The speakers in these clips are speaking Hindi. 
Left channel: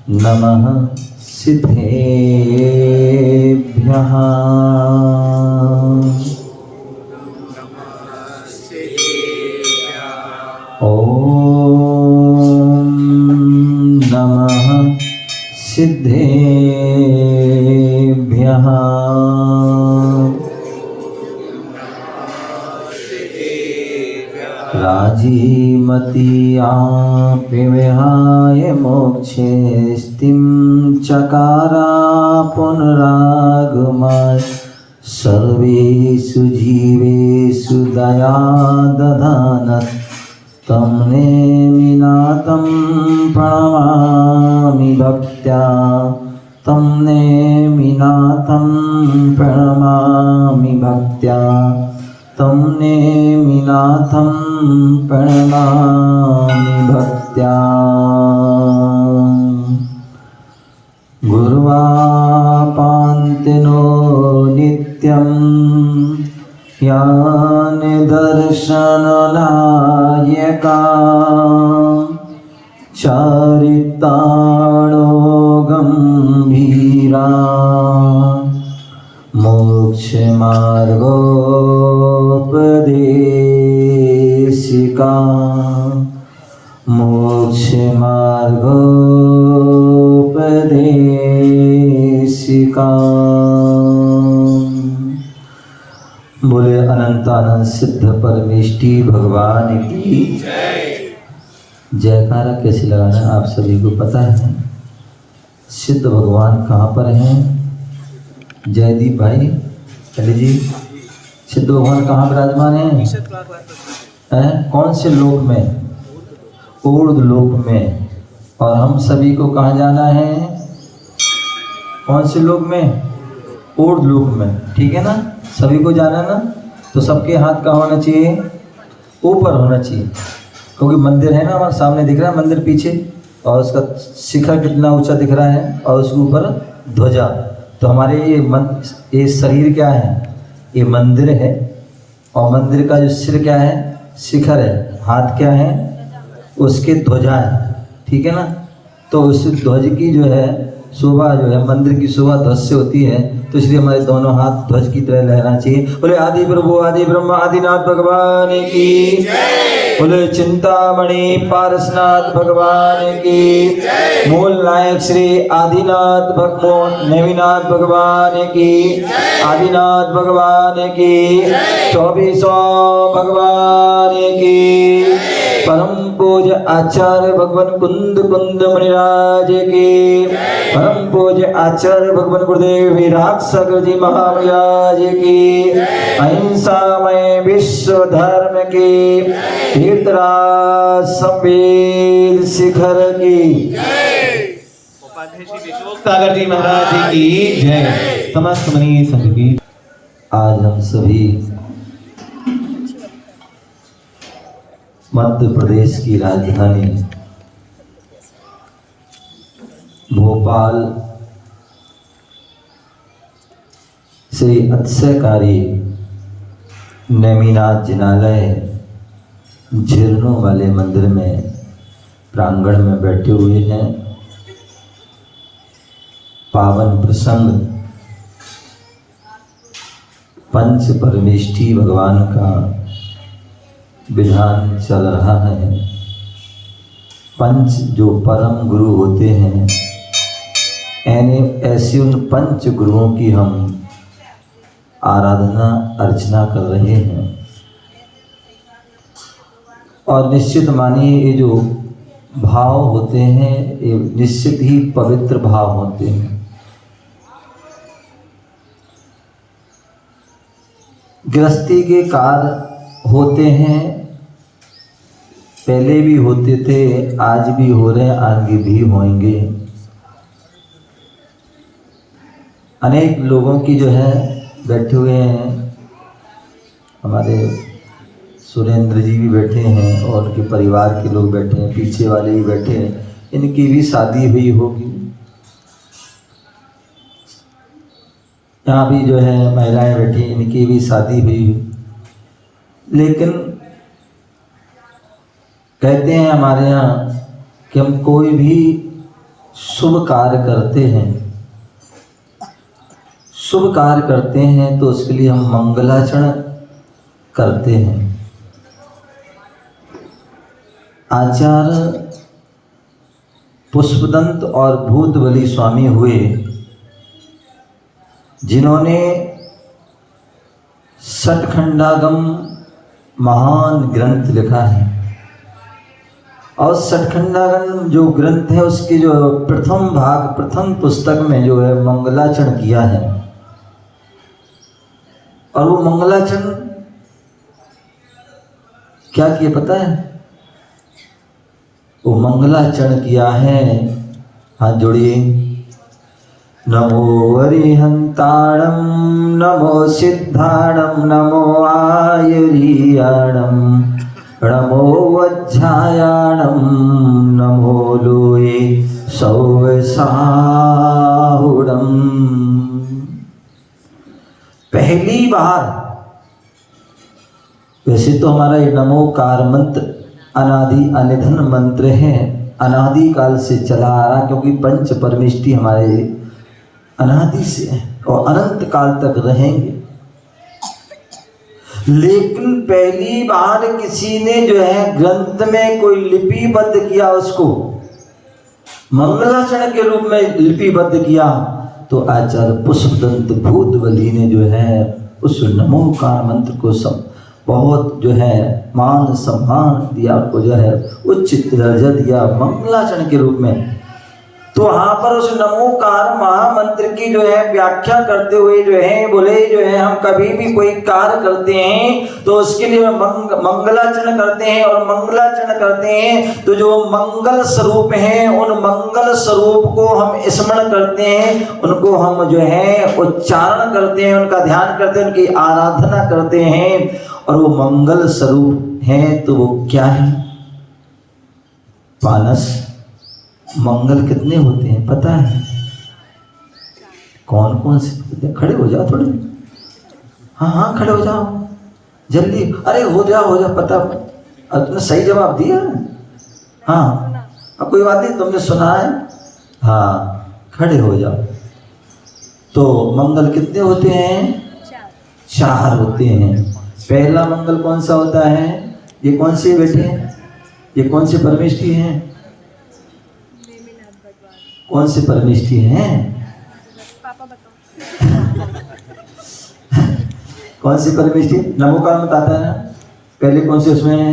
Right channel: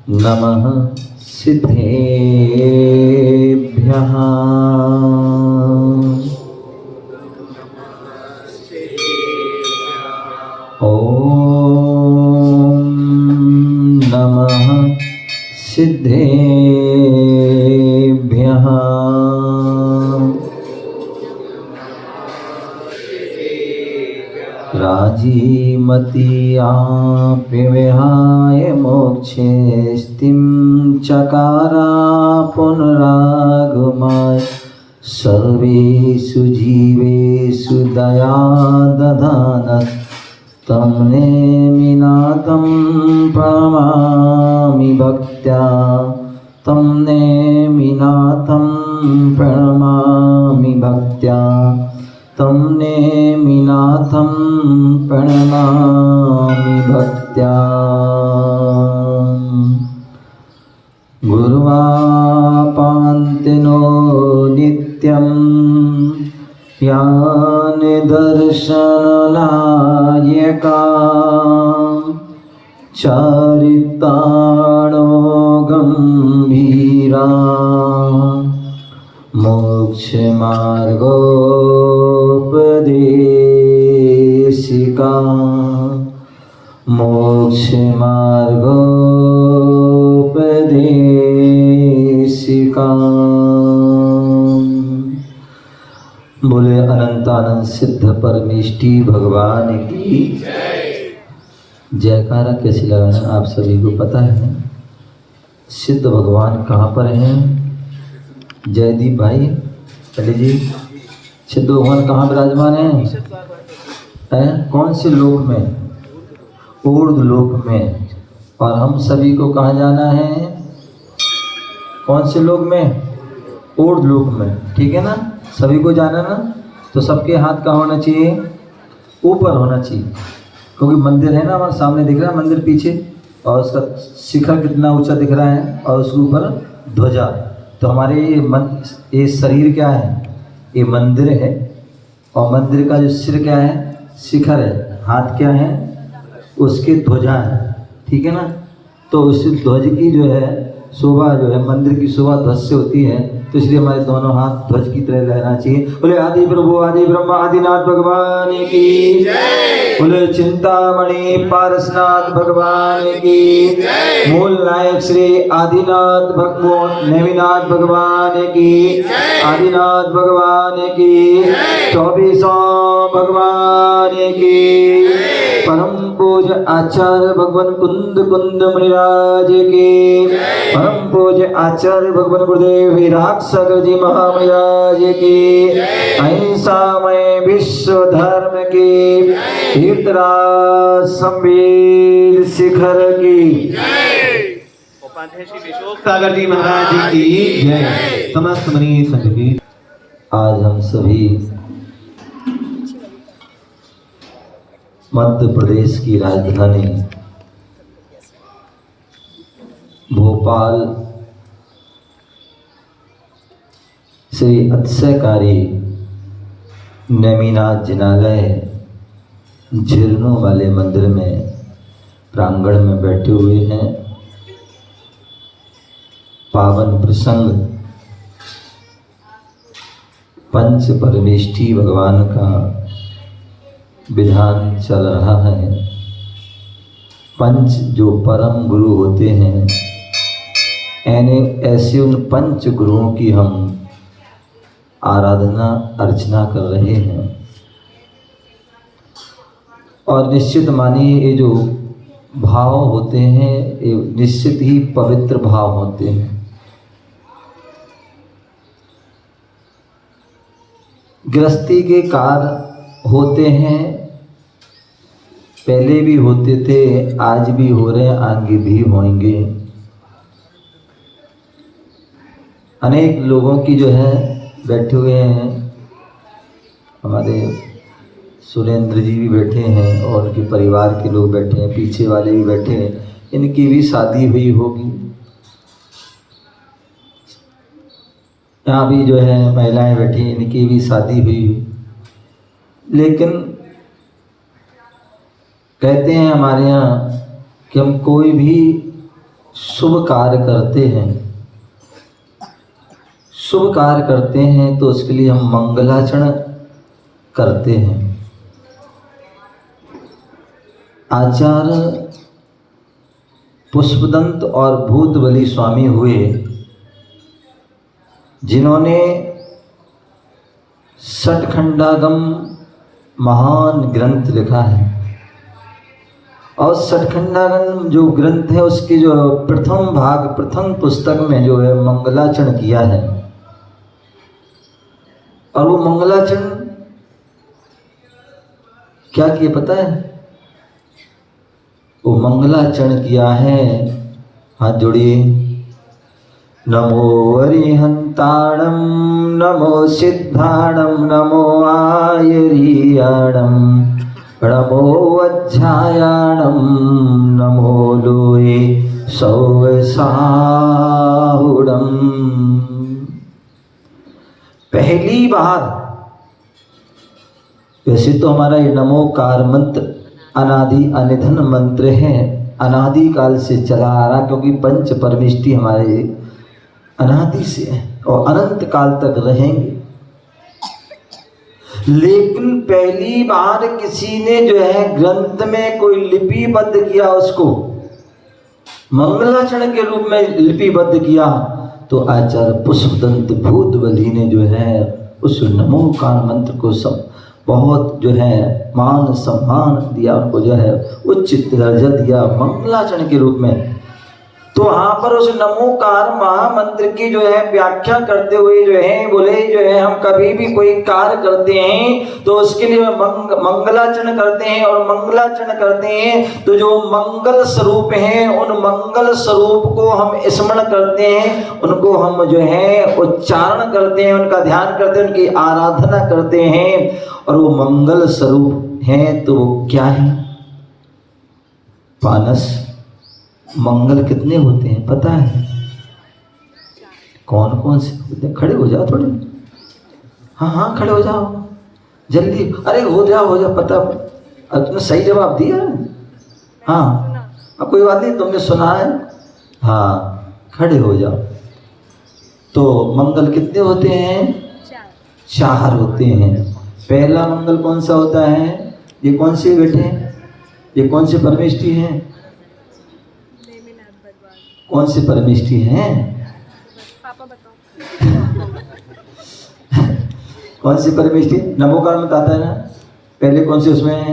नमः सिद्धेभ्यः। ॐ नमः सिद्धेभ्यः। राजीमती विहाय मोक्षे स्थिं चकारा पुनरागमाय सर्वेषु जीवेषु दया दधानः तं नेमिनाथं प्रणमामि भक्त्या। तं नेमिनाथं प्रणमामि भक्त्या। तं नेमिनाथं प्रणमामि भक्त्या। गुरुवापान्तिनो नित्यं यानि दर्शननायका चरिताणो गम्भीरा मोक्षमार्गोपदेशिका मोक्षमार्गोपदेशिका। बोले अनंतानंद सिद्ध परमेष्टि भगवान की जयकारा कैसे लगाना है आप सभी को पता है। सिद्ध भगवान कहाँ पर हैं? जयदीप भाई चलिए जी, सिद्ध भगवान कहाँ विराजमान हैं? कौन से लोक में? ऊर्ध्व लोक में। और हम सभी को कहाँ जाना है? कौन से लोक में? ऊर्ध्व लोक में, ठीक है ना? सभी को जाना ना, तो सबके हाथ कहाँ होना चाहिए? ऊपर होना चाहिए, क्योंकि मंदिर है ना हमारे सामने दिख रहा है, मंदिर पीछे, और उसका शिखर कितना ऊंचा दिख रहा है, और उसके ऊपर ध्वजा। तो हमारे ये शरीर क्या है? ये मंदिर है, और मंदिर का जो सिर क्या है? शिखर है। हाथ क्या है? उसकी ध्वजा है, ठीक है ना? तो उस ध्वज की जो है शोभा, जो है मंदिर की शोभा ध्वज से होती है, तो इसलिए हमारे दोनों हाथ ध्वज की तरह लहराना चाहिए। बोले आदि प्रभु आदि ब्रह्म आदिनाथ भगवान की जय। बोले चिंतामणि पारसनाथ भगवान की। मूल नायक श्री आदिनाथ नेमिनाथ भगवान की, आदिनाथ भगवान की, 24 भगवान की। परम पूज्य आचार्य भगवान कुंद मुनिराज के, परम पूज्य आचार्य भगवान गुरुदेव विराट सागर जी महाराज की, अहिंसामय विश्व धर्म की, तीर्थराज संवीर शिखर की, सागर जी महाराज की जय। समस्त मनी संघ की। आज हम सभी मध्य प्रदेश की राजधानी भोपाल श्री अतिशयकारी नेमिनाथ जिनालय झिरनों वाले मंदिर में प्रांगण में बैठे हुए हैं। पावन प्रसंग पंच परमेष्टि भगवान का विधान चल रहा है। पंच जो परम गुरु होते हैं, ऐसे उन पंच गुरुओं की हम आराधना अर्चना कर रहे हैं। और निश्चित मानिए ये जो भाव होते हैं, ये निश्चित ही पवित्र भाव होते हैं। गृहस्थी के कार्य होते हैं, पहले भी होते थे, आज भी हो रहे हैं, आगे भी होंगे। अनेक लोगों की जो है बैठे हुए हैं, हमारे सुरेंद्र जी भी बैठे हैं और उनके परिवार के लोग बैठे हैं, पीछे वाले भी बैठे हैं, इनकी भी शादी हुई होगी। यहाँ भी जो है महिलाएं बैठी, इनकी भी शादी हुई। लेकिन कहते हैं हमारे यहाँ कि हम कोई भी शुभ कार्य करते हैं, शुभ कार्य करते हैं तो उसके लिए हम मंगलाचरण करते हैं। आचार्य पुष्पदंत और भूतबली स्वामी हुए, जिन्होंने षटखंडागम महान ग्रंथ लिखा है। और षटखंडागम जो ग्रंथ है उसके जो प्रथम भाग, प्रथम पुस्तक में जो है मंगलाचरण किया है। और वो मंगलाचरण क्या किया पता है? वो मंगलाचरण किया है, हाथ जोड़िए, नमो अरिहंताणं नमो सिद्धाणं नमो आयर्याणं नमो वज्रायाणं नमो लोये सौवसाहुडं। पहली बार, वैसे तो हमारा ये नमोकार मंत्र अनादि अनिधन मंत्र है, अनादि काल से चला आ रहा, क्योंकि पंच परमेष्टि हमारे अनादि से है और अनंत काल तक रहेंगे। लेकिन पहली बार किसी ने जो है ग्रंथ में कोई लिपिबद्ध किया, उसको मंगलाचरण के रूप में लिपिबद्ध किया, तो आचार्य पुष्पदंत भूतबली ने जो है उस नमोकार मंत्र को सब बहुत जो है मान सम्मान दिया, को जो है उच्च दर्जा दिया मंगलाचरण के रूप में। तो वहाँ पर उस नमोकार महामंत्र की जो है व्याख्या करते हुए जो है बोले, जो है हम कभी भी कोई कार्य करते हैं तो उसके लिए मंगलाचरण करते हैं, और मंगलाचरण करते हैं तो जो मंगल स्वरूप हैं उन मंगल स्वरूप को हम स्मरण करते हैं, उनको हम जो है उच्चारण करते हैं, उनका ध्यान करते हैं, उनकी आराधना करते हैं। और वो मंगल स्वरूप हैं तो वो क्या है? पानस। मंगल कितने होते हैं पता है? कौन कौन से? खड़े हो जाओ थोड़े, हाँ हाँ खड़े हो जाओ जल्दी, अरे हो जाओ पता। अब तुमने सही जवाब दिया, हाँ अब कोई बात नहीं, तुमने सुना है, हाँ खड़े हो जाओ। तो मंगल कितने होते हैं? 4 होते हैं। पहला मंगल कौन सा होता है? ये कौन से बेटे हैं? ये कौन से परमेष्टि हैं? कौन से परमेष्टि हैं? पापा बताओ। कौन सी परमेष्टि? नमोकार में आता है ना, पहले कौन से उसमें है?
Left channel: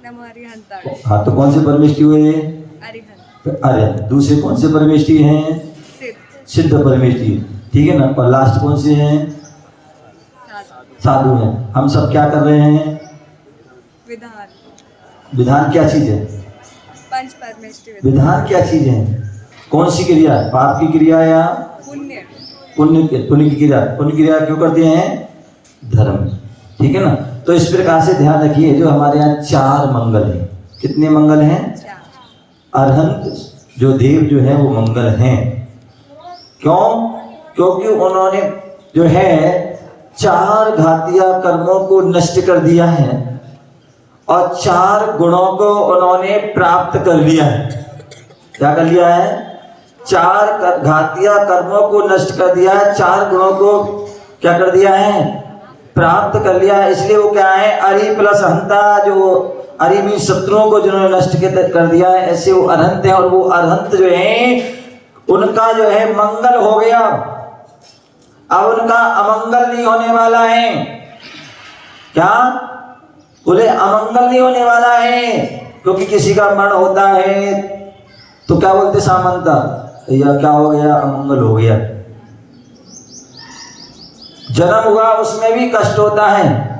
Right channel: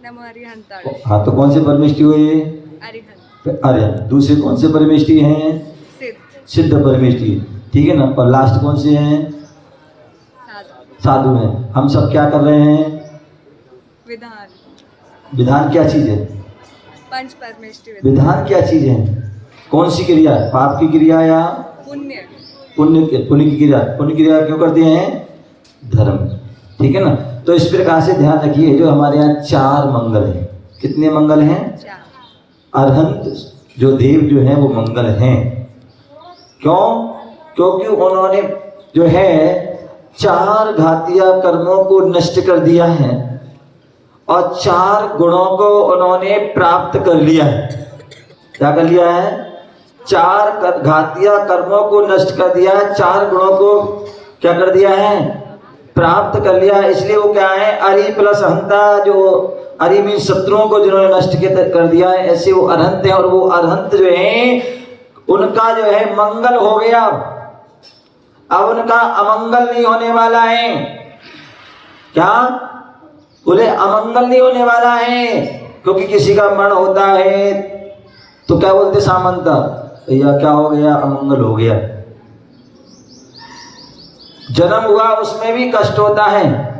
नमो अरिहंताणे। हाँ तो कौन से परमेष्टि हुए? अरिहंत। अरे दूसरे कौन से परमेष्टि हैं? सिद्ध परमेष्टि, ठीक है ना। और लास्ट कौन से हैं? साधु हैं। हम सब क्या कर रहे हैं? विधान। विधान क्या चीज है? पंच परमेष्टि। विधान क्या चीज है? कौन सी क्रिया? पाप की क्रिया या पुण्य? पुण्य की क्रिया। पुण्य क्रिया क्यों करते हैं? धर्म, ठीक है ना। तो इस प्रकार से ध्यान रखिए, जो हमारे यहाँ 4 मंगल हैं। कितने मंगल हैं? 4। अरहंत जो देव जो है वो मंगल हैं। क्यों? क्योंकि उन्होंने जो है 4 घातिया कर्मों को नष्ट कर दिया है और 4 गुणों को उन्होंने प्राप्त कर लिया है। क्या कर लिया है? 4 घातिया कर्मों को नष्ट कर दिया है, 4 गुणों को क्या कर दिया है? प्राप्त कर लिया है। इसलिए वो क्या है? अरि प्लस हंता, जो अरि भी शत्रुओं को जिन्होंने नष्ट कर दिया है, ऐसे वो अरहंत है। और वो अरहंत जो है उनका जो है मंगल हो गया, अब उनका अमंगल नहीं होने वाला है। क्या बोले? अमंगल नहीं होने वाला है, क्योंकि किसी का मरण होता है तो क्या बोलते सामंता, या क्या हो गया? अमंगल हो गया। जन्म हुआ उसमें भी कष्ट होता है,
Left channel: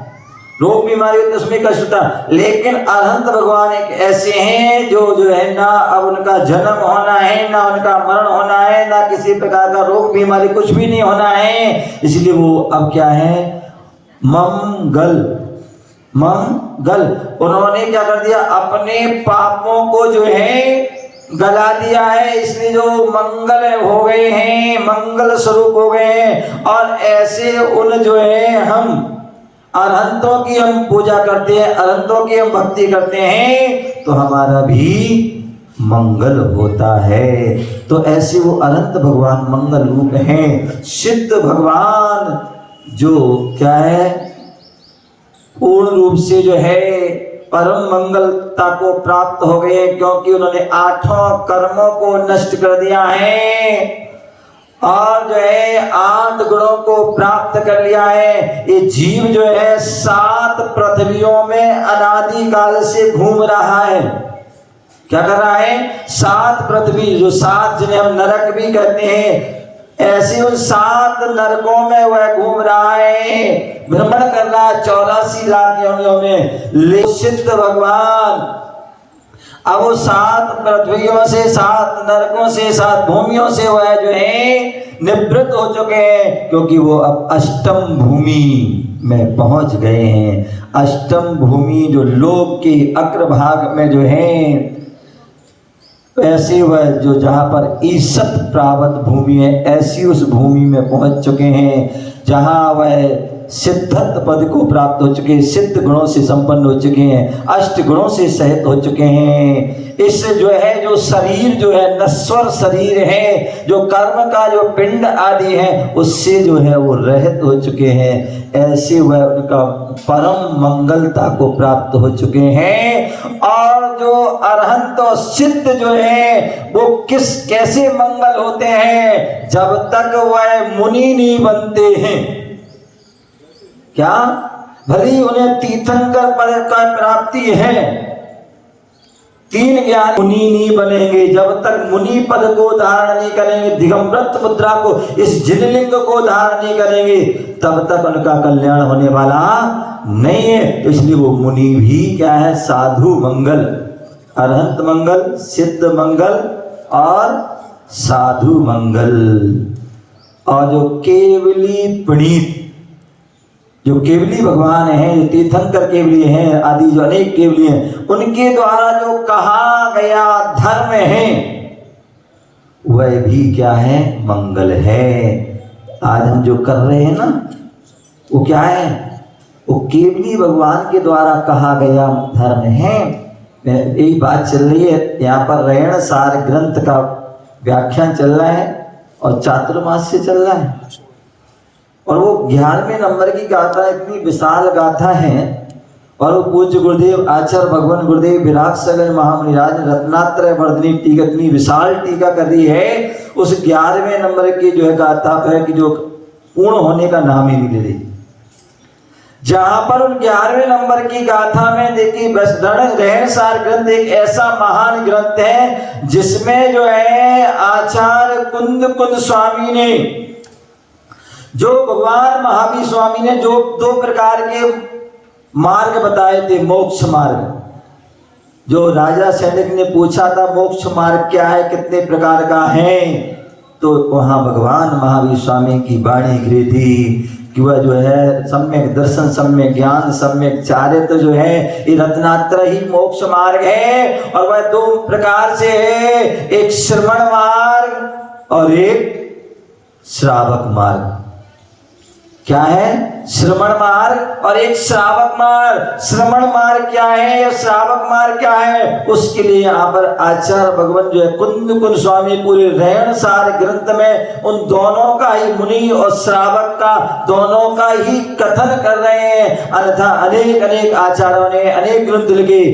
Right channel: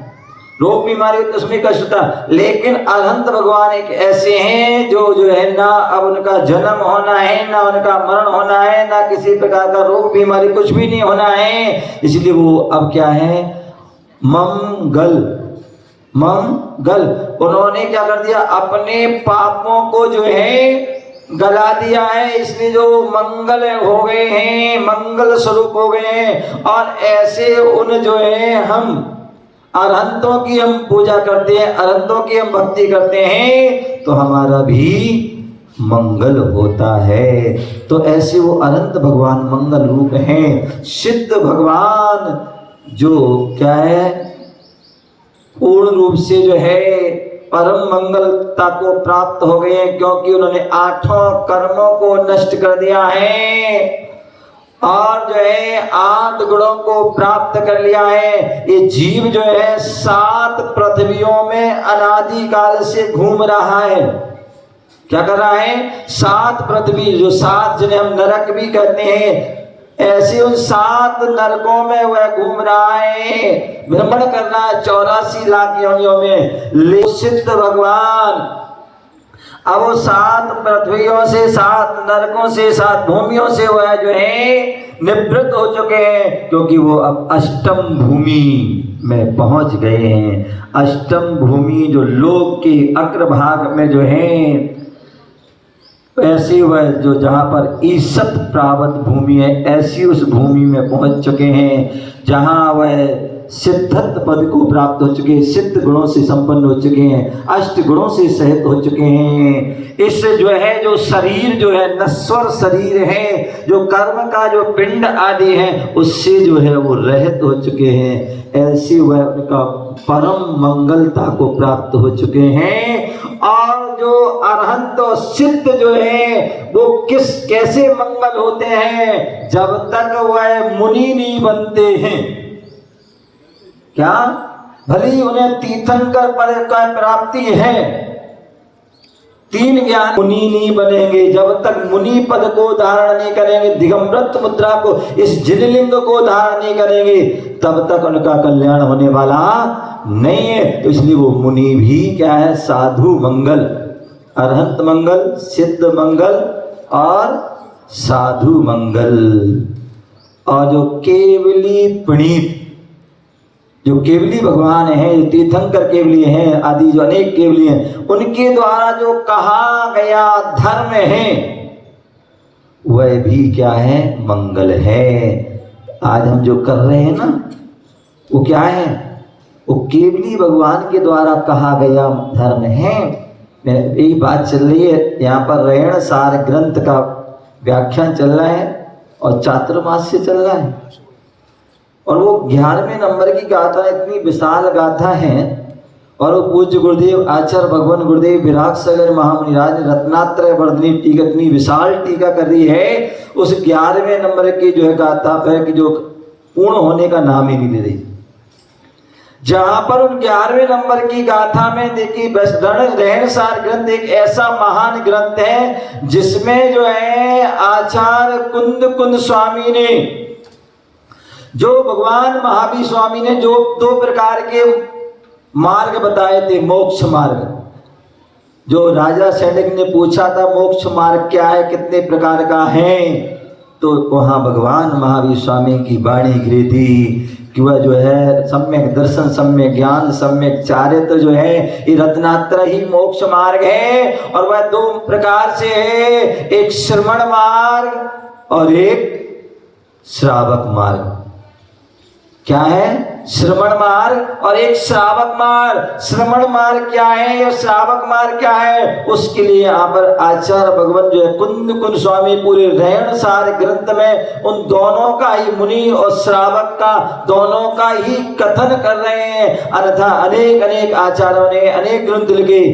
रोग बीमारी होती है उसमें कष्ट होता है। लेकिन अरहंत भगवान एक ऐसे हैं जो है ना अब उनका जन्म होना है, ना उनका मरण होना है, ना किसी प्रकार का रोग बीमारी, कुछ भी नहीं होना है। इसलिए वो अब क्या है? मंगल। मंगल। उन्होंने क्या कर दिया? अपने पापों को जो है गला दिया है, इसलिए जो मंगल हो गए हैं, मंगल स्वरूप हो गए हैं। और ऐसे उन जो है हम अरहंतों की हम पूजा करते हैं, अरहंतों की हम भक्ति करते हैं, तो हमारा भी मंगल होता है। तो ऐसे वो अनंत भगवान मंगल रूप हैं। सिद्ध भगवान जो क्या है, पूर्ण रूप से जो है परम मंगलता को प्राप्त हो गए, क्योंकि उन्होंने 8 कर्मों को नष्ट कर दिया है और जो है 8 गुणों को प्राप्त कर लिया है। ये जीव जो है 7 पृथ्वियों में अनादि काल से घूम रहा है। क्या कर रहा है? 7 पृथ्वी, जो 7 जिन्हें हम नरक भी कहते हैं, ऐसे उन 7 नरकों में वह घूम रहा है, भ्रमण कर रहा है 84 लाख योनियों में। ले सिद्ध भगवान अब वो 7 पृथ्वियों से, 7 नरकों से, 7 भूमियों से वह जो है निवृत्त हो चुके हैं, क्योंकि वो अब अष्टम भूमि में पहुंच गए हैं। अष्टम भूमि जो लोक के अग्रभाग में जो है, ऐसी वह जो जहाँ पर ईशत प्रावत भूमि है, ऐसी उस भूमि में पहुंच चुके हैं जहाँ वह सिद्धत्व पद को प्राप्त हो चुके हैं, सिद्ध गुणों से संपन्न हो चुके हैं, अष्ट गुणों से सहित हो चुके हैं। इस जो है जो शरीर जो है नश्वर शरीर है, जो कर्म का जो पिंड आदि है, उससे जो है वो रहित हो चुके हैं। ऐसे वह उनका परम मंगलता को प्राप्त हो चुके हैं। और जो अरहंत और सिद्ध जो है वो कैसे मंगल होते हैं? जब तक वह मुनि नहीं बनते हैं। क्या? भले ही उन्हें तीर्थंकर पद का प्राप्ति है, 3 ज्ञान, मुनि नहीं बनेंगे जब तक मुनि पद को धारण नहीं करेंगे, दिगंबरत्व मुद्रा को, इस जिनलिंग को धारण नहीं करेंगे, तब तक उनका कल्याण होने वाला नहीं है। तो इसलिए वो मुनि भी क्या है? साधु मंगल, अरहंत मंगल, सिद्ध मंगल और साधु मंगल। और जो केवली प्रणीत, जो केवली भगवान हैं, जो तीर्थंकर केवली हैं, आदि जो अनेक केवली हैं, उनके द्वारा जो कहा गया धर्म है वह भी क्या है? मंगल है। आज हम जो कर रहे हैं ना, वो क्या है? वो केवली भगवान के द्वारा कहा गया धर्म है। यही बात चल रही है यहाँ पर। रेण सार ग्रंथ का व्याख्यान चल रहा है और चातुर्मास्य चल रहा है, और वो 11वें नंबर की गाथा इतनी विशाल गाथा है। और वो पूज्य गुरुदेव आचार्य भगवान गुरुदेव विराट सागर महामुनिराज रत्नात्रय वर्धनी टीका, इतनी विशाल टीका कर रही है उस 11वें नंबर की जो है गाथा पे, कि जो पूर्ण होने का नाम ही नहीं ले रही। जहां पर उन 11वें नंबर की गाथा में देखिए, रेण सार ग्रंथ एक ऐसा महान ग्रंथ है जिसमें जो है आचार्य कुंद स्वामी ने, जो भगवान महावीर स्वामी ने जो 2 प्रकार के मार्ग बताए थे, मोक्ष मार्ग। जो राजा सैनिक ने पूछा था मोक्ष मार्ग क्या है, कितने प्रकार का है, तो वहां भगवान महावीर स्वामी की वाणी गिरी थी कि वह जो है सम्यक दर्शन, सम्यक ज्ञान, सम्यक चारित्र जो है, ये रत्नात्रय ही मोक्ष मार्ग है। और वह 2 प्रकार से है, एक श्रवण मार्ग और एक श्रावक मार्ग। क्या है? श्रवण मार्ग और एक श्रावक मार्ग। श्रवण मार्ग क्या है या श्रावक मार्ग क्या है, उसके लिए यहाँ पर आचार्य भगवान जो है कुंद स्वामी पूरे रेण सार ग्रंथ में उन दोनों का ही, मुनि और श्रावक का, दोनों का ही कथन कर रहे हैं। अन्यथा अनेक आचार्यों ने अनेक ग्रंथ लिखे।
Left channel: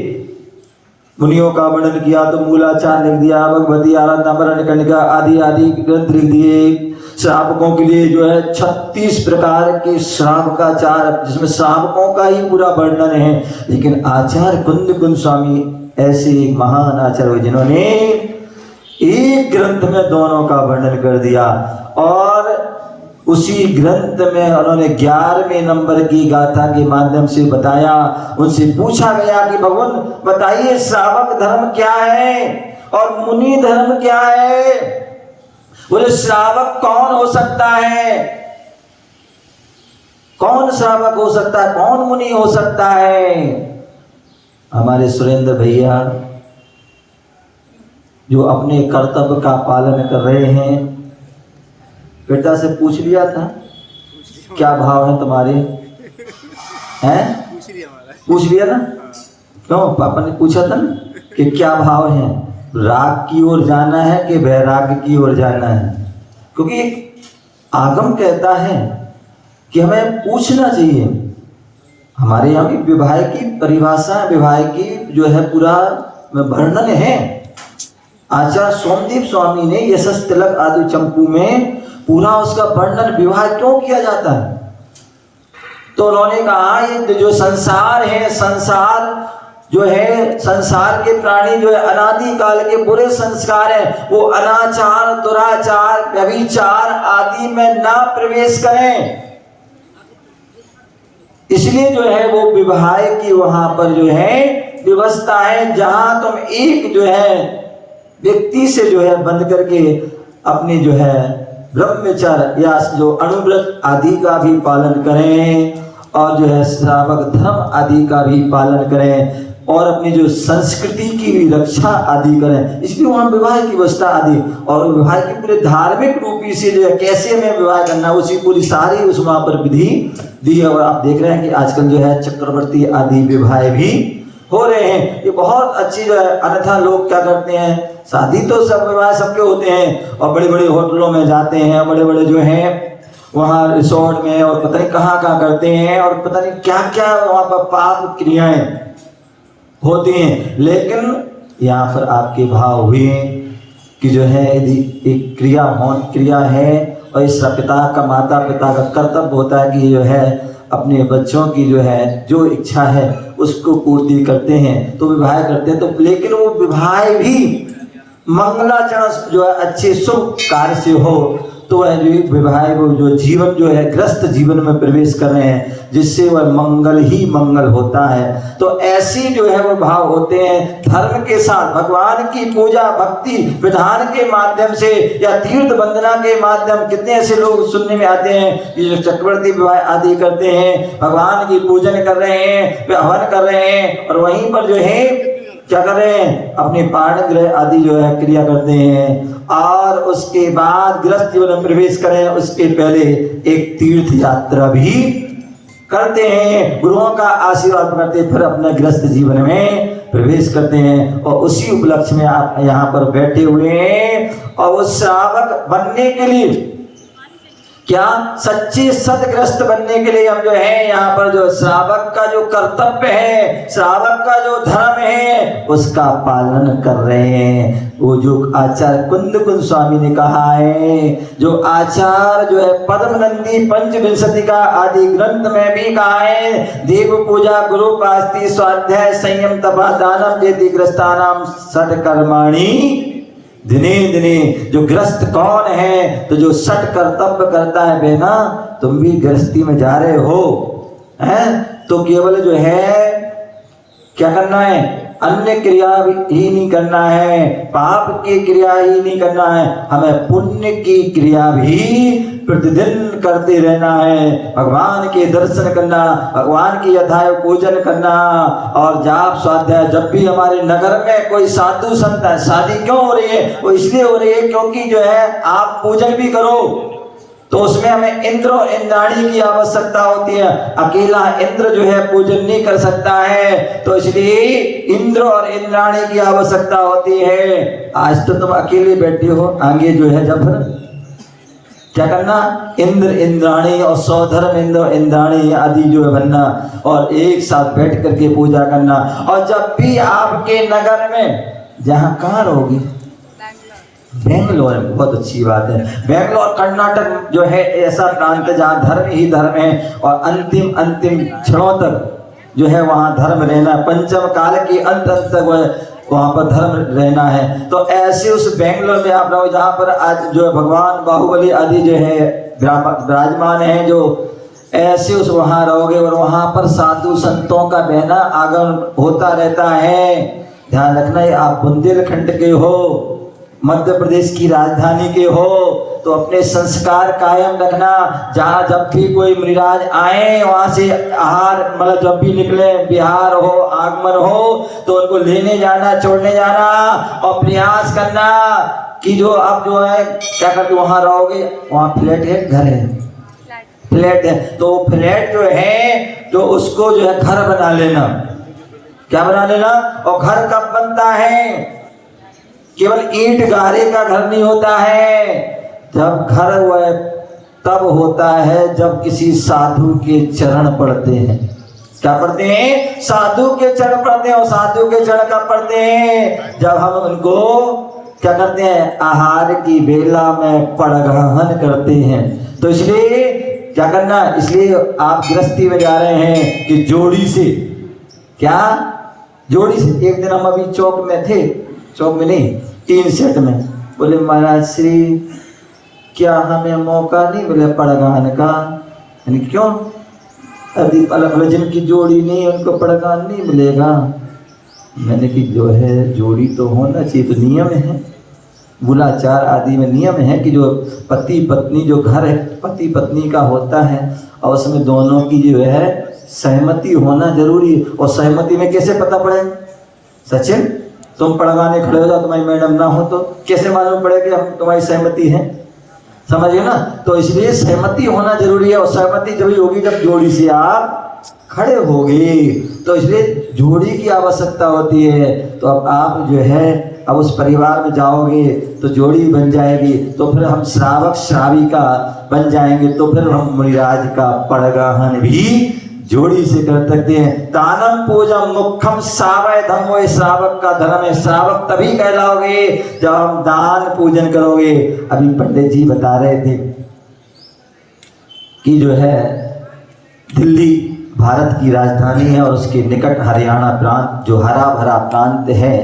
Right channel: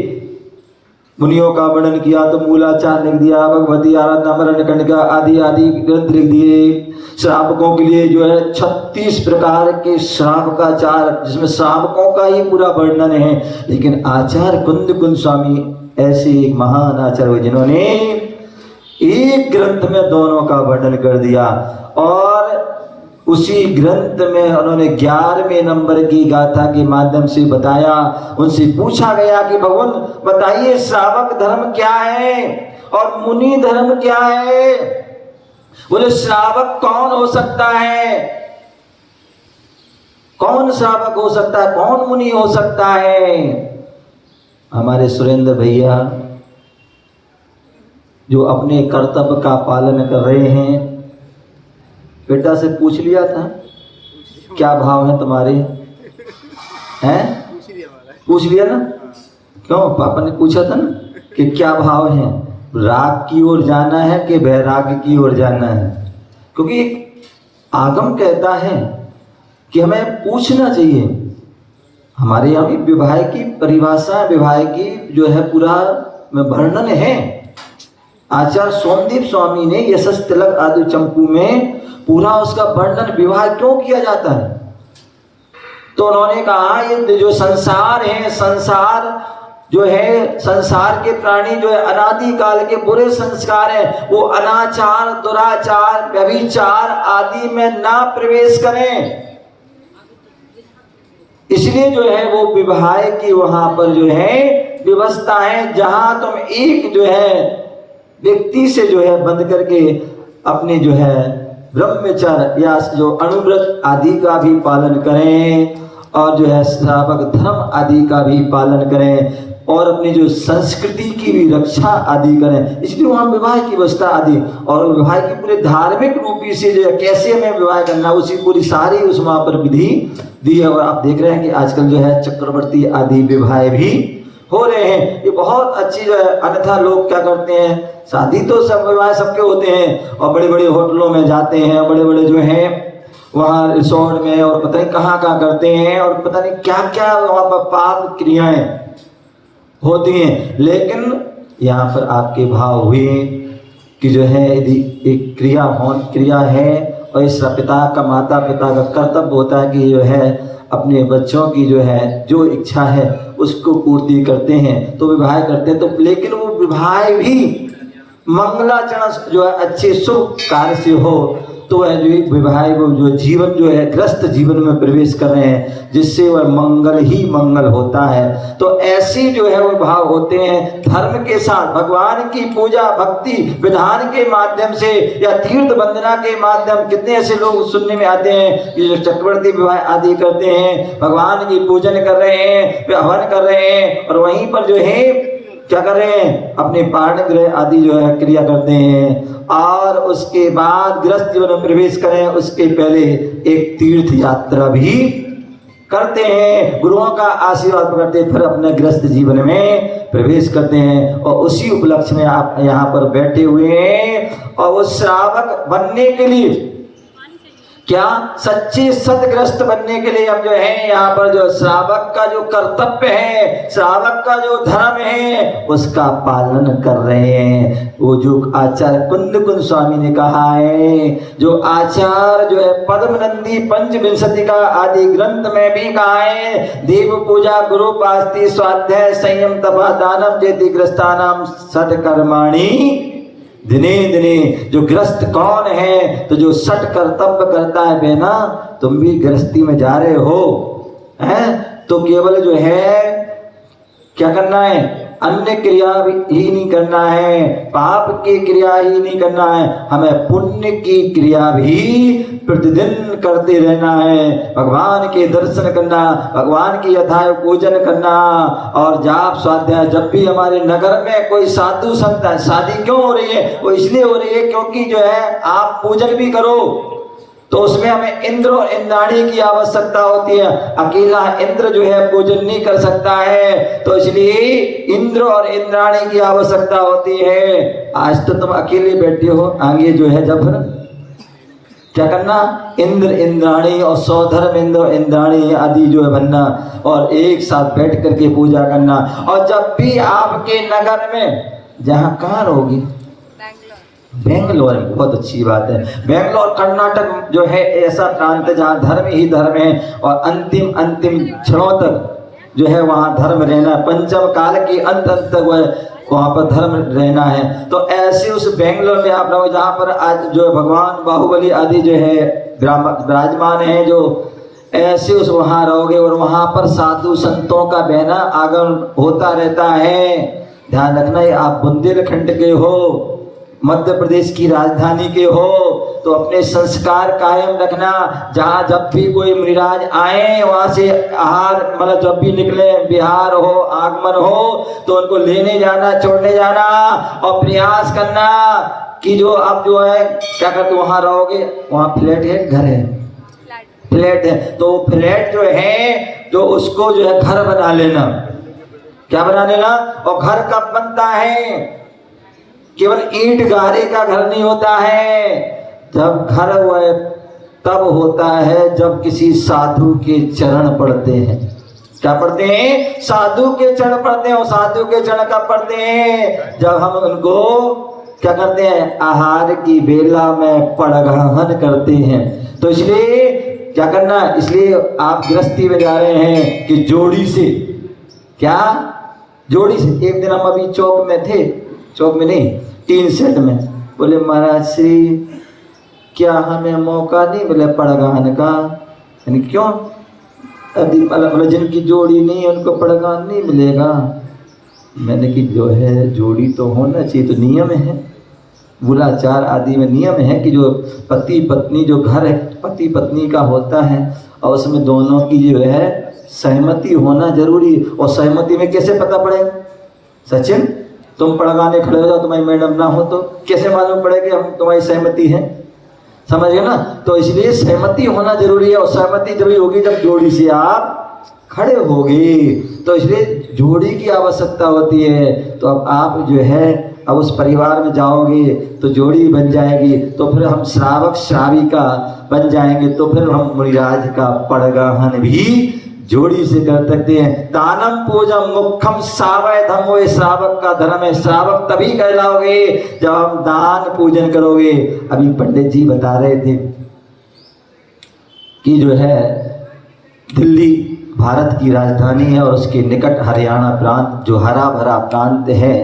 मुनियों का वर्णन किया तो मूलाचार लिख दिया, भगवती आराधना कणिका आदि ग्रंथ लिख दिए। श्रावकों के लिए जो है 36 प्रकार के श्रावकाचार, जिसमें श्रावकों का ही पूरा वर्णन है। लेकिन आचार्य कुंद स्वामी ऐसे एक महान आचार्य जिन्होंने एक ग्रंथ में दोनों का वर्णन कर दिया। और उसी ग्रंथ में उन्होंने 11वें नंबर की गाथा के माध्यम से बताया। उनसे पूछा गया कि भगवान बताइए श्रावक धर्म क्या है और मुनि धर्म क्या है। बोले श्रावक कौन हो सकता है, कौन श्रावक हो सकता है, कौन मुनि हो सकता है। हमारे सुरेंद्र भैया जो अपने कर्तव्य का पालन कर रहे हैं, बेटा से पूछ लिया था क्या भाव है तुम्हारे, हैं? पूछ लिया ना? क्यों? पापा ने पूछा था ना कि क्या भाव है, राग की ओर जाना है कि वैराग्य की ओर जाना है? क्योंकि आगम कहता है कि हमें पूछना चाहिए। हमारे यहाँ भी विवाह की परिभाषा, विवाह की जो है पूरा वर्णन है। आचार्य सोमदीप स्वामी ने यशस तिलक आदि चंपू में पूरा उसका वर्णन विवाह क्यों किया जाता है। तो उन्होंने कहा ये जो संसार है, संसार जो है, संसार के प्राणी जो है अनादि काल के बुरे संस्कार है, वो अनाचार, दुराचार, व्यभिचार आदि में ना प्रवेश करें। इसलिए जो है वो विवाह की वहां पर जो है व्यवस्था है, जहां तुम एक जो है व्यक्ति से जो है बंद करके अपने जो है ब्रह्मचर्य या जो अनुव्रत आदि का भी पालन करें और जो है श्रावक धर्म आदि का भी पालन करें और अपनी जो संस्कृति की भी रक्षा आदि करें। इसलिए वहाँ विवाह की व्यवस्था आदि और विवाह की पूरे धार्मिक रूपी से जो है कैसे हमें विवाह करना, उसी पूरी सारी उस वहाँ पर विधि दी है। और आप देख रहे हैं कि आजकल जो है चक्रवर्ती आदि विवाह भी हो रहे हैं। ये बहुत अच्छी जो है। अन्यथा लोग क्या करते हैं, शादी तो सब विवाह सबके होते हैं और बड़े बड़े होटलों में जाते हैं, बड़े बड़े जो है वहाँ रिसोर्ट में और पता नहीं कहाँ कहाँ करते हैं और पता नहीं क्या क्या वहाँ पर पाप क्रियाएं होती हैं। लेकिन यहाँ पर आपके भाव हुए कि जो है यदि एक क्रिया है और इस पिता का, माता पिता का कर्तव्य होता है कि जो है अपने बच्चों की जो है जो इच्छा है उसको पूर्ति करते हैं तो विवाह करते हैं। तो लेकिन वो विवाह भी मंगलाचरण जो है अच्छे शुभ कार्य से हो तो वह जो विवाह वो जो जीवन जो है ग्रस्त जीवन में प्रवेश कर रहे हैं जिससे वह मंगल ही मंगल होता है। तो ऐसे जो है वो भाव होते हैं धर्म के साथ भगवान की पूजा भक्ति विधान के माध्यम से या तीर्थ वंदना के माध्यम। कितने ऐसे लोग सुनने में आते हैं कि जो चक्रवर्ती विवाह आदि करते हैं, भगवान की पूजन कर रहे हैं, हवन कर रहे हैं और वहीं पर जो है क्या कर रहे हैं, अपने पारण ग्रह आदि जो है क्रिया करते हैं और उसके बाद गृहस्थ जीवन में प्रवेश करें उसके पहले एक तीर्थ यात्रा भी करते हैं, गुरुओं का आशीर्वाद करते फिर अपने गृहस्थ जीवन में प्रवेश करते हैं। और उसी उपलक्ष्य में आप यहाँ पर बैठे हुए हैं और उस श्रावक बनने के लिए क्या सच्चे सदग्रस्त बनने के लिए हम जो है यहाँ पर जो श्रावक का जो कर्तव्य है, श्रावक का जो धर्म है उसका पालन कर रहे हैं। वो जो आचार्य कुंद स्वामी ने कहा है, जो आचार्य जो है पद्मनंदी पंचविंशति का आदि ग्रंथ में भी कहा है, देव पूजा गुरु पास्ति स्वाध्याय संयम तपा दानम जेति ग्रस्तानाम सत्कर्माणि दिने दिने। जो ग्रस्त कौन है, तो जो सट कर्तव्य करता है बेना, तुम भी गृहस्थी में जा रहे हो हैं तो केवल जो है क्या करना है, अन्य क्रिया ही नहीं करना है, पाप की क्रिया ही नहीं करना है, हमें पुण्य की क्रिया भी प्रतिदिन करते रहना है। भगवान के दर्शन करना, भगवान की यथाय पूजन करना और जाप स्वाध्याय। जब भी हमारे नगर में कोई साधु संत है, शादी क्यों हो रही है, वो इसलिए हो रही है क्योंकि जो है आप पूजन भी करो तो उसमें हमें इंद्र और इंद्राणी की आवश्यकता होती है। अकेला इंद्र जो है पूजन नहीं कर सकता है तो इसलिए इंद्र और इंद्राणी की आवश्यकता होती है। आज तो तुम अकेले बैठे हो, आगे जो है जब क्या करना, इंद्र इंद्राणी और सौधर्म इंद्र इंद्राणी आदि जो है बनना और एक साथ बैठ करके पूजा करना। और जब भी आपके नगर में, जहाँ कहाँ रहोगी, बेंगलोर, बहुत अच्छी बात है। बेंगलोर कर्नाटक जो है ऐसा प्रांत है जहाँ धर्म ही धर्म है और अंतिम क्षणों तक जो है वहाँ धर्म रहना, पंचम काल की अंत तक वहाँ पर धर्म रहना है। तो ऐसे उस बेंगलोर में आप लोग जहाँ पर आज जो भगवान बाहुबली आदि जो है विराजमान है, जो ऐसे उस वहाँ रहोगे और वहाँ पर साधु संतों का बहना आगमन होता रहता है। ध्यान रखना ये आप बुंदेलखंड के हो, मध्य प्रदेश की राजधानी के हो तो अपने संस्कार कायम रखना। जहाँ जब भी कोई मृराज आए वहां से आहार मतलब जब भी निकले, बिहार हो आगमन हो तो उनको लेने जाना, छोड़ने जाना और प्रयास करना कि जो आप जो है क्या करते वहां रहोगे, वहां फ्लैट है, घर है, फ्लैट है तो फ्लैट जो है जो उसको जो है घर बना लेना। क्या बना लेना? और घर कब बनता है? केवल ईंट गारे का घर नहीं होता है। जब घर वह तब होता है जब किसी साधु के चरण पड़ते हैं। क्या पढ़ते हैं? साधु के चरण पढ़ते हैं। और साधु के चरण कब पढ़ते हैं? जब हम उनको क्या करते हैं? आहार की बेला में पड़गाहन करते हैं। तो इसलिए क्या करना? इसलिए आप गृहस्थी में जा रहे हैं कि जोड़ी से, क्या जोड़ी से। एक दिन हम अभी चौक में थे, चौक में नहीं, टीन सेट में। बोले महाराज श्री, क्या हमें मौका नहीं मिला पड़गाहन का? यानी क्यों? अलग जिनकी जोड़ी नहीं है उनको पड़गाहन नहीं मिलेगा। मैंने कि जो है जोड़ी तो होना चाहिए, तो नियम है, बुलाचार आदि में नियम है कि जो पति पत्नी, जो घर है पति पत्नी का होता है और उसमें दोनों की जो है सहमति होना जरूरी है। और सहमति में कैसे पता पड़े? सचिन, तुम पढ़वाने खड़े हो जाओ, तुम्हारी मैडम ना हो तो कैसे मालूम पड़े कि हम तुम्हारी सहमति है? समझ गए ना? तो इसलिए सहमति होना जरूरी है। और सहमति जब होगी जब जोड़ी से आप खड़े होगे। तो इसलिए जोड़ी की आवश्यकता होती है। तो अब आप जो है अब उस परिवार में जाओगे तो जोड़ी बन जाएगी। तो फिर हम श्रावक श्राविका बन जाएंगे। तो फिर हम मुनिराज का पड़गाहन भी जोड़ी से कर सकते हैं। दानम पूजम मुखम सावय धर्मो, श्रावक का धर्म है। श्रावक तभी कहलाओगे जब हम दान पूजन करोगे। अभी पंडित जी बता रहे थे कि जो है दिल्ली भारत की राजधानी है और उसके निकट हरियाणा प्रांत जो हरा भरा प्रांत है,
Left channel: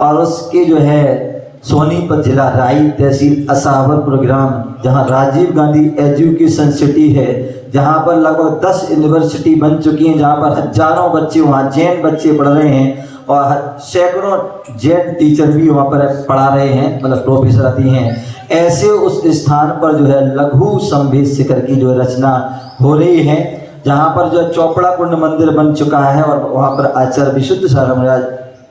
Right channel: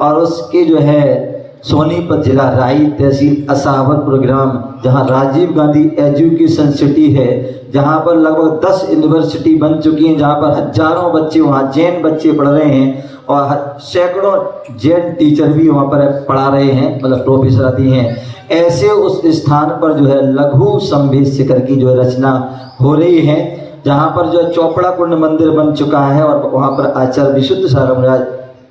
और उसके जो है सोनीपत जिला राई तहसील असावरपुर ग्राम, जहाँ राजीव गांधी एजुकेशन सिटी है, जहाँ पर लगभग 10 यूनिवर्सिटी बन चुकी हैं, जहाँ पर हजारों बच्चे वहाँ जैन बच्चे पढ़ रहे हैं और सैकड़ों जैन टीचर भी वहाँ पर पढ़ा रहे हैं, मतलब प्रोफेसर आती हैं। ऐसे उस स्थान पर जो है लघु संभेद शिखर की जो रचना हो रही है, जहाँ पर जो चौपड़ा कुंड मंदिर बन चुका है और वहाँ पर आचार्य विशुद्ध सारंग महाराज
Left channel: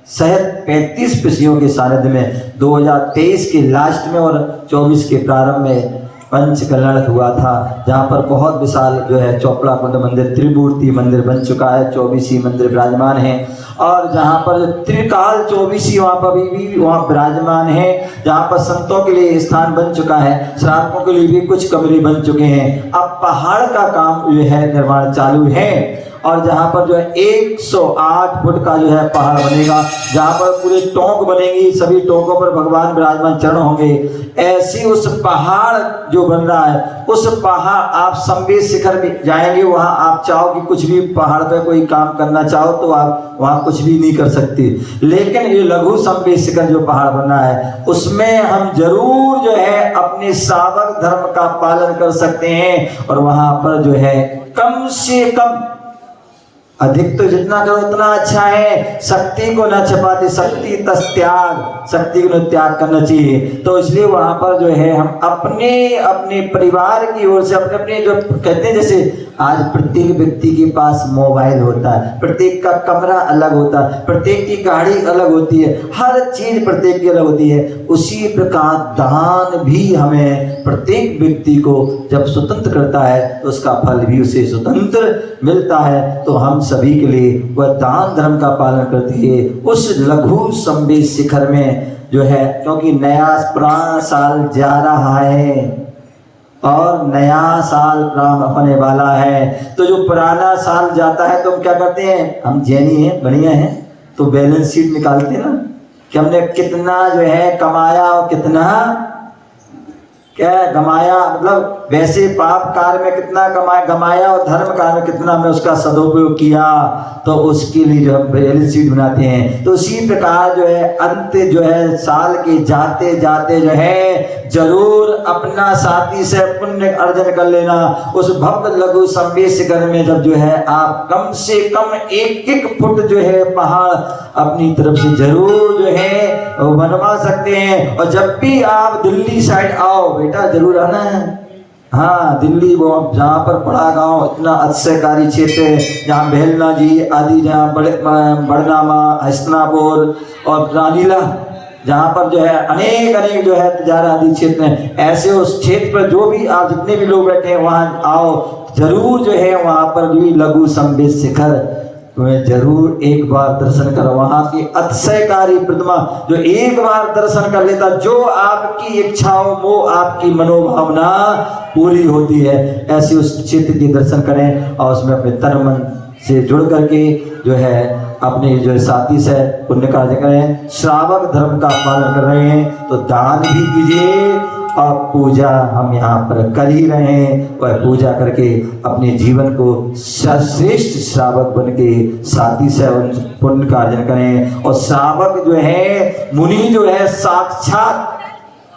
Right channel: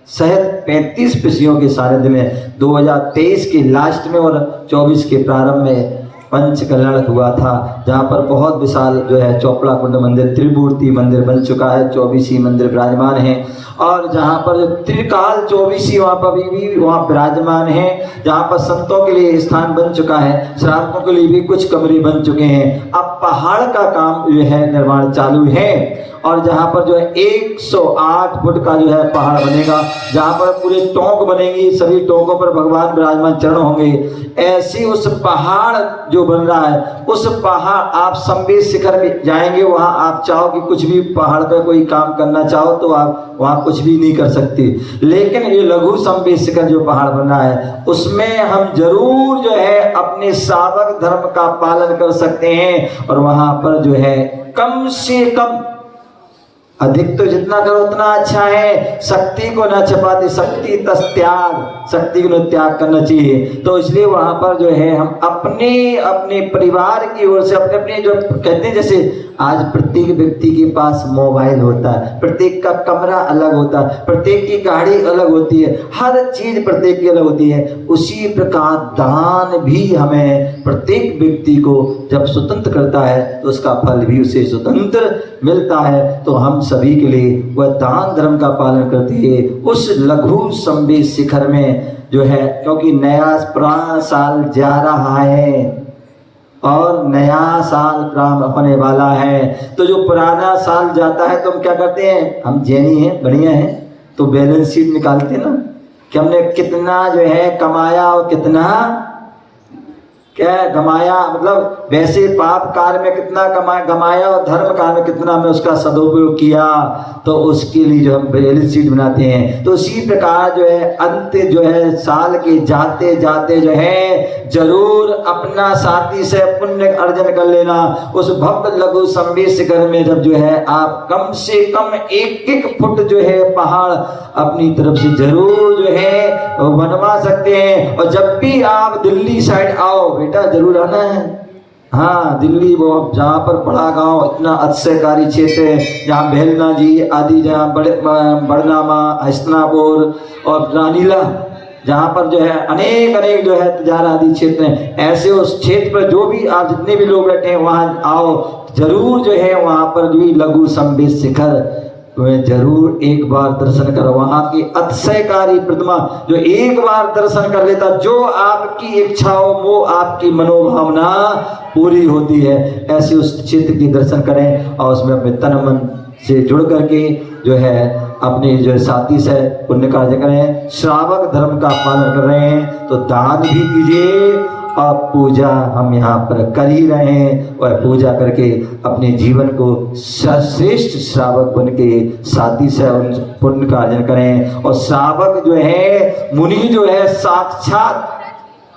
सहित 35 ऋषियों के सानिध्य में 2023 के लास्ट में और 24 के प्रारंभ में पंच कल्याण हुआ था, जहाँ पर बहुत विशाल जो है चौपड़ा कुंड मंदिर त्रिमूर्ति मंदिर बन चुका है। 24 मंदिर विराजमान है और जहाँ पर त्रिकाल 24 वहाँ पर भी वहाँ विराजमान है, जहाँ पर संतों के लिए स्थान बन चुका है, श्रावकों के लिए भी कुछ कमरे बन चुके हैं। अब पहाड़ का काम जो है निर्माण चालू है और जहाँ पर जो है 108 फुट का जो है पहाड़ बनेगा, जहाँ पर पूरे टोंक बनेंगी, सभी टोंकों पर भगवान विराजमान चरण होंगे। ऐसी उस पहाड़ जो बन रहा है, उस पहाड़ आप संवेद शिखर में जाएंगे, वहाँ आप चाहो कि कुछ भी पहाड़ पे कोई काम करना चाहो तो आप वहाँ कुछ भी नहीं कर सकते। लेकिन ये लघु संवेद शिखर जो पहाड़ बन रहा है उसमें हम जरूर जो है अपने श्रावक धर्म का पालन कर सकते हैं। और वहाँ पर जो है कम से कम, अधिक तो जितना करो उतना अच्छा है, शक्ति को न छपाते, शक्ति तस त्याग, शक्ति को त्याग करना चाहिए। तो इसलिए वहां पर जो है हम अपने अपने परिवार की ओर से अपने अपने जो कहते हैं, जैसे आज प्रत्येक व्यक्ति के पास मोबाइल होता है, प्रत्येक का कमरा अलग होता है, प्रत्येक की गाड़ी अलग होती है, हर चीज प्रत्येक की अलग होती है। उसी प्रकार दान भी हमें प्रत्येक व्यक्ति को जब स्वतंत्र करता है तो उसका फल भी उसे स्वतंत्र मिलता है। तो हम सभी के लिए वह दान धर्म का पालन करते हैं उस लघु संवेद शिखर में जो है, क्योंकि नया पुराना साल जा रहा है और नया साल प्रारंभ होने वाला है। तो जो पुराना साल जाता है तो हम क्या करते हैं, हम जैनी हैं, बढ़िया हैं, तो बैलेंस शीट निकालते हैं ना कि हमने कितना जो है कमाया और कितना क्या गमाया, मतलब वैसे पाप कार्य में कितना गमाया और धर्म कार्य में कितना हमने उसका सदुपयोग किया, तो उसके लिए जो हम बैलेंस शीट बनाते हैं। तो इसी प्रकार जो है अंत जो है साल के जाते जाते जो है जरूर अपना साथी से पुण्य अर्जन कर लेना। उस भव्य लघु संवेद शिखर में जब जो है आप कम से कम 1-1 फुट जो है पहाड़ अपनी तरफ से जरूर जो है बनवा सकते हैं। और जब भी आप दिल्ली साइड आओ बेटा जरूर आना है। हाँ, दिल्ली वो जहाँ पर बड़ा गांव इतना अतिशयकारी क्षेत्र है, जहाँ बेलना जी आदि, जहाँ बड़नामा, हसनापुर और रानीला, जहाँ पर जो है अनेक अनेक जो है तिजारा आदि क्षेत्र हैं। ऐसे उस क्षेत्र पर जो भी आप जितने भी लोग बैठे हैं वहाँ आओ जरूर जो है, वहाँ पर जो लघु संवेद शिखर तुम्हें जरूर एक बार दर्शन करो। वहां की अतिशयकारी प्रतिमा जो एक बार दर्शन कर लेता, जो आपकी इच्छा हो वो आपकी मनोभावना पूरी होती है। ऐसे उस चित्र के दर्शन करें और उसमें अपने तन मन से जुड़ करके जो है अपने जो साथी से पुण्य कार्य करें। श्रावक धर्म का पालन कर रहे हैं तो दान भी कीजिए और पूजा हम यहाँ पर कर ही रहे हैं, वह पूजा करके अपने जीवन को श्रेष्ठ श्रावक बन के साथी से पुण्य का अर्जन करें। और श्रावक जो है, मुनि जो है, साक्षात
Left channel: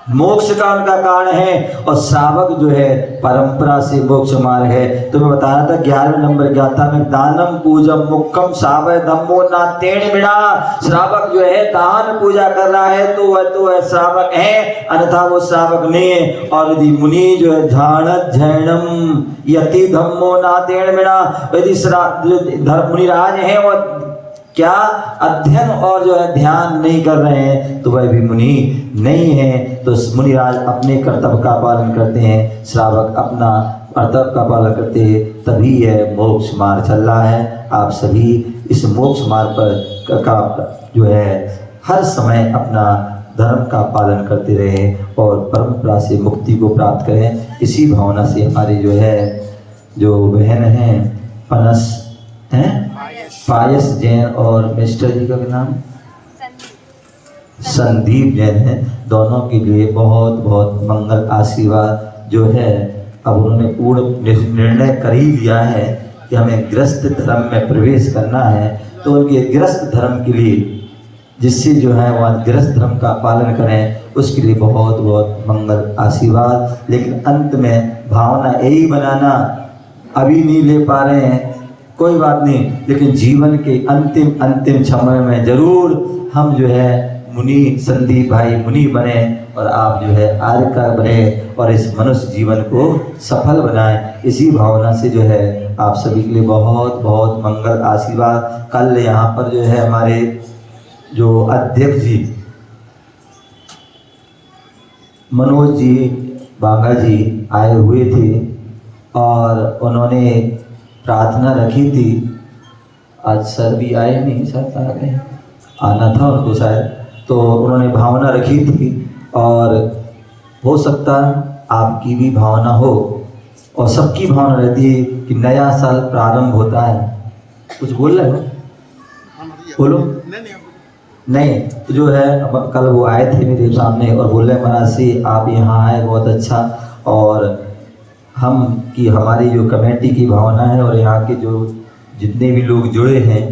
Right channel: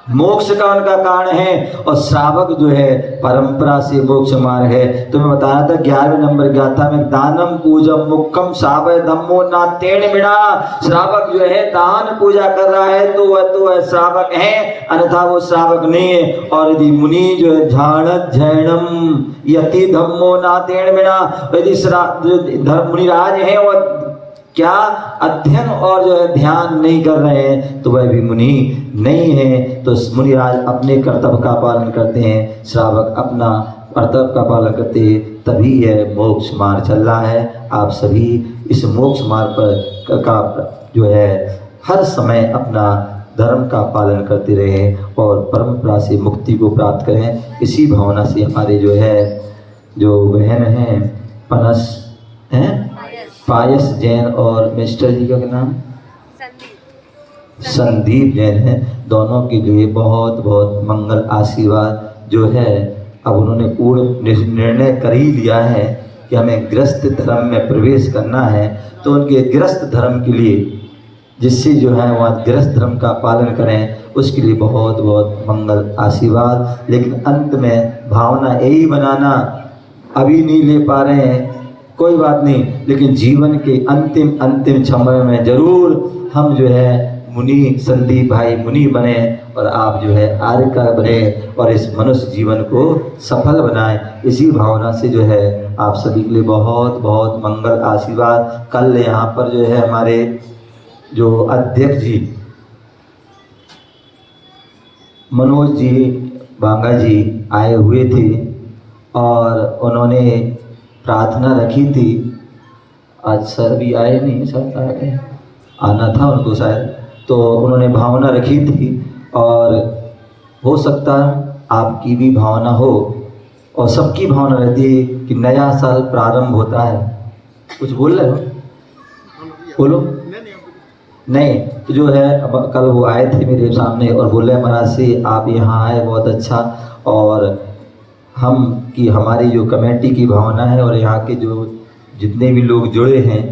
मोक्ष का उनका कारण है और श्रावक जो है परंपरा से मोक्ष मार्ग है। तो मैं बताया था 11वें नंबर गाथा में, दानम पूजम मुखम सावय धम्मो ना तेण बिना। श्रावक जो है दान पूजा कर रहा है तो वह श्रावक है, अन्यथा वो श्रावक नहीं है। और यदि मुनि जो है झाणत झैणम यति धम्मो ना तेण बिना, यदि मुनिराज है और क्या अध्ययन और जो है ध्यान नहीं कर रहे हैं तो वह भी मुनि नहीं है। तो मुनिराज अपने कर्तव्य का पालन करते हैं, श्रावक अपना कर्तव्य का पालन करते हैं, तभी यह मोक्ष मार्ग चल रहा है। आप सभी इस मोक्ष मार्ग पर का जो है हर समय अपना धर्म का पालन करते रहें और परंपरा से मुक्ति को प्राप्त करें। इसी भावना से हमारे जो है जो बहन हैं पनस हैं पायस जैन और मिस्टर जी का नाम संदीप जैन है, दोनों के लिए बहुत बहुत मंगल आशीर्वाद जो है। अब उन्होंने पूर्ण निर्णय कर ही लिया है कि हमें गृहस्थ धर्म में प्रवेश करना है, तो उनके गृहस्थ धर्म के लिए जिससे जो है वहाँ गृहस्थ धर्म का पालन करें, उसके लिए बहुत बहुत मंगल आशीर्वाद। लेकिन अंत में भावना यही बनाना, अभी नहीं ले पा रहे हैं कोई बात नहीं, लेकिन जीवन के अंतिम समय में जरूर हम जो है मुनि संदीप भाई मुनि बने और आप जो है आर्य का बने और इस मनुष्य जीवन को सफल बनाएं। इसी भावना से जो है आप सभी के लिए बहुत बहुत मंगल आशीर्वाद। कल यहाँ पर जो है हमारे जो अध्यक्ष जी मनोज जी बांगा जी आए हुए थे और उन्होंने प्रार्थना रखी थी। आज सर भी आए नहीं, सर आ गए, आना था उनको शायद, तो उन्होंने भावना रखी थी और हो सकता है आपकी भी भावना हो और सबकी भावना रहती है कि नया साल प्रारंभ होता है। कुछ बोल रहे हो? बोलो। नहीं तो जो है अब कल वो आए थे मेरे सामने और बोले महाराज से आप यहाँ आए बहुत अच्छा, और हम की हमारी जो कमेटी की भावना है और यहाँ के जो जितने भी लोग जुड़े हैं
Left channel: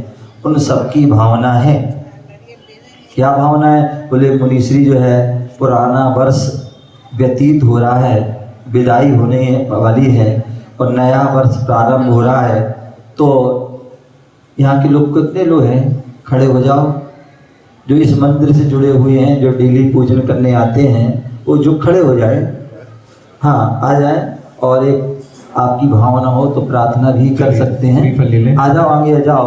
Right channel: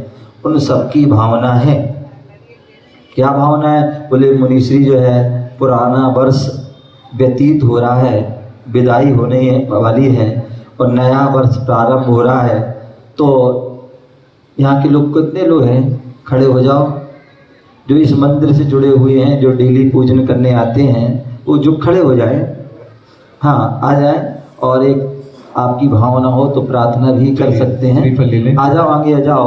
उन सबकी भावना है। क्या भावना है? बोले मुनिश्री जो है पुराना वर्ष व्यतीत हो रहा है, विदाई होने वाली है और नया वर्ष प्रारंभ हो रहा है। तो यहाँ के लोग कितने लोग हैं? खड़े हो जाओ, जो इस मंदिर से जुड़े हुए हैं, जो डेली पूजन करने आते हैं, वो जो खड़े हो जाए, हाँ आ जाए। और एक आपकी भावना हो तो प्रार्थना भी कर सकते हैं। आ जाओ, आगे आ जाओ।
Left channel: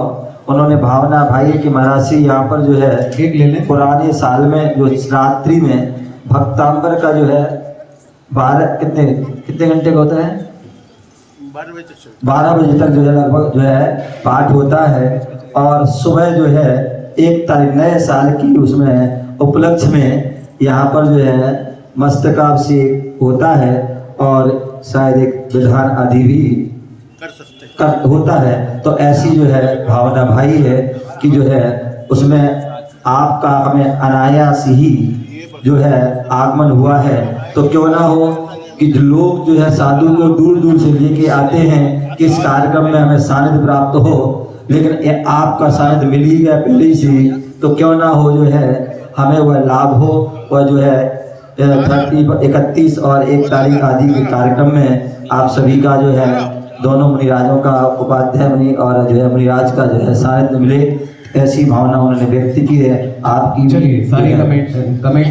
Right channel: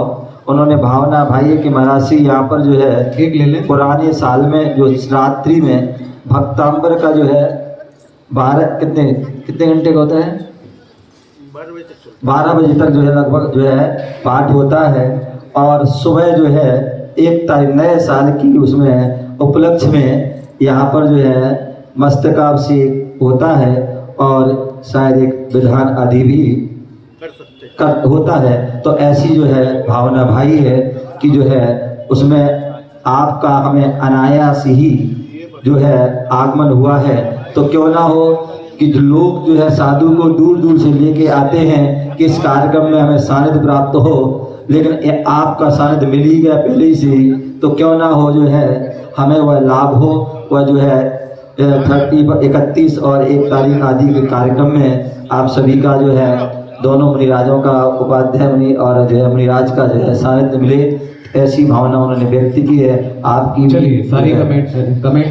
उन्होंने भावना भाई कि महाराज जी यहाँ पर जो है एक ले लें, पुराने साल में जो रात्रि में भक्तांबर का जो है 12 कितने घंटे का होता है? 12 बजे तक जो है लगभग जो है पाठ होता है और सुबह जो है 1 तारीख नए साल की उसमें उपलक्ष्य में यहाँ पर जो है मस्तकाभिषेक होता है और शायद एक विधान आदि भी होता है। तो ऐसी जो है भावना भाई है कि जो है उसमें आपका हमें अनायास ही जो है आगमन हुआ है। तो क्यों ना हो कि जो लोग जो है साधु को दूर दूर से लेके आते हैं कि इस कार्यक्रम में हमें सानिध्य प्राप्त हो, लेकिन ये आपका सानिध्य मिल ही गया पहले से, तो क्यों ना हो जो है हमें वह लाभ हो। वह जो है 31 और 1 तारीख आदि के कार्यक्रम में आप सभी का जो है दोनों मुनिराजों का उपाध्याय मुनि और जो है मुनिराज का जो है सानिध्य मिले, ऐसी भावना उन्होंने व्यक्त की है। आपकी चलिए सारी कमेटी